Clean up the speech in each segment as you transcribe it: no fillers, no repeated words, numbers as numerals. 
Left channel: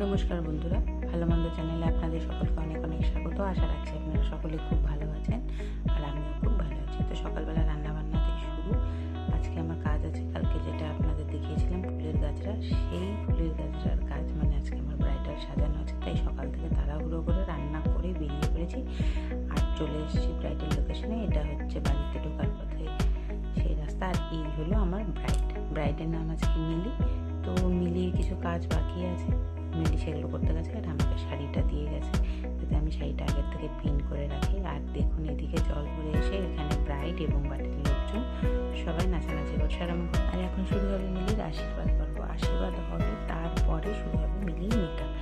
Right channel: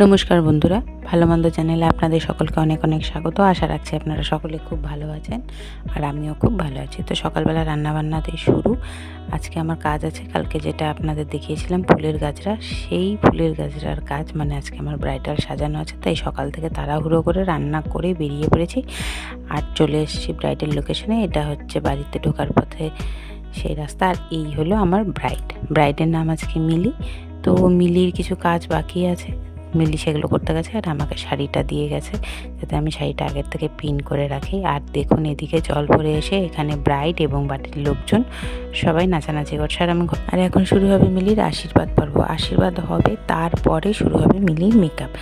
নমস্কার বন্ধুরা, ভালো মন্দ চ্যানেলে আপনাদের সকলকে অনেক অনেক স্বাগত। আশা রাখছি আপনারা সকলে খুব ভালো আছেন আর আমিও খুব ভালো আছি। তো সকালবেলা রান্নাবান্নাতেই শুরু। আজকে আমার কাজ আছে, কালকে যেটা আপনাদের দেখিয়েছিলাম ফুলের গাজরা, সেই ফুলের গাজরার কাজ, মানে আজকে আমার ব্রাইডাল সাজানো আছে। তাই সকাল থেকে তাড়াহুড়ো করে রান্না করে বেরিয়ে পড়েছি আর চলে এসেছি ব্রাইডাল লোকেশনে। এটা হচ্ছে বাড়িতে ঢোকার পথে সেই রাস্তা। আর এই হলো আমার ব্রাইডের নাম আজকে মিলি। তো মিলির কিছু কাজ বাকি আছে, মিলি সেগুলো করতে গেছে আর আমাকে শাড়িটা দিয়ে গেছে যাতে আমি শাড়িটা আগের থেকে পিন করে রাখি। আর দেখুন এদিকে জল ভরে এসে এখানে ব্রাইড এবং বাড়ির লোকজন সবাই নাচানাচি করছে আর এখন শুরু হবে মিলির আশীর্বাদ পর্ব। আশীর্বাদ হবে, তারপরে শুরু হবে মিলির মেকআপ।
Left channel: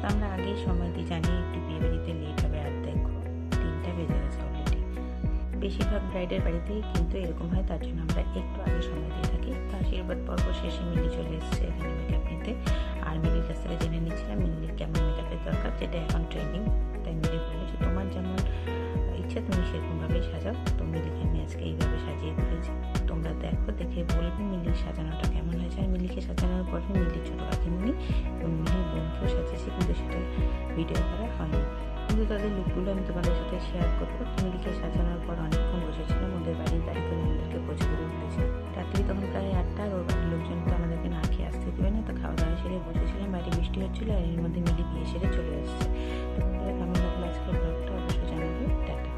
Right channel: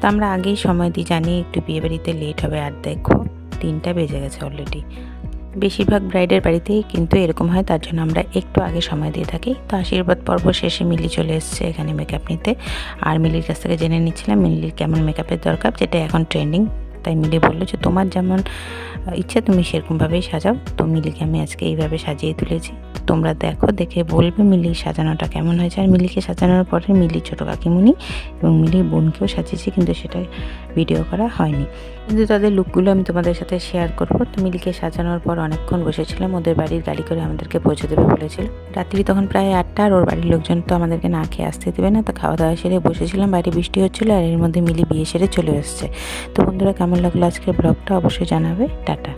তো আমরা আগেই সময় দিই, জানি একটু বিয়েবাড়িতে লেট হবে। আর দেখো 3টা বেজে গেছে অলরেডি। বেশিরভাগ ব্রাইডের বাড়িতেই কিন্তু এরকম হয়, তার জন্য আমরা একটু আগে সময় দিয়ে থাকি। তো আশীর্বাদ পর্ব শেষে মিলি চলে এসেছে এখানে মেকআপ নিতে। আর মিলির কাছ থেকে জেনে নিচ্ছিলাম মিলির কেমন মেকআপের দরকার, যেটা এখন ট্রেন্ডিং। তাই মিলি বললো যে তোমার যেমন ইচ্ছা তুমি সেরকমভাবেই সাজাও। তো মিলিকে আমি আজকে এইভাবে সাজিয়ে তুলেছি। তোমরা দেখো, দেখে বলবে মিলির সাজানোটা কেমন হয়েছে। আর মিলিকে সাজানোর পরে মিলির ছোটো কাকিমুনি এবং মিলির বোনকেও সাজিয়েছি, কিন্তু সেটা ভিডিও করা হয়নি। কিন্তু তাদের লুকগুলো আমি তোমাদের সাথে শেয়ার করবো। তো মিলিকে সাজানোর পর অনেকক্ষণ বসেছিলাম, ওদের বাড়ির গাড়ি করে আমাদেরকে পৌঁছে দেবে বলেছিল। রাত্রি তখন প্রায় 8টা, আর ওর বাড়ির লোকজন তো আমাদেরকে না খেয়ে আসতে দেবে না। তো খাওয়া দাওয়া সেরে বসেছিলাম, বাইরে বৃষ্টি হচ্ছিলো আর এর মধ্যে মিলি বিয়ে সেরে চলে এসছে। তো বন্ধুরা, কেমন লাগলো আজকের ব্লগটা অবশ্যই জানাবে। টাটা।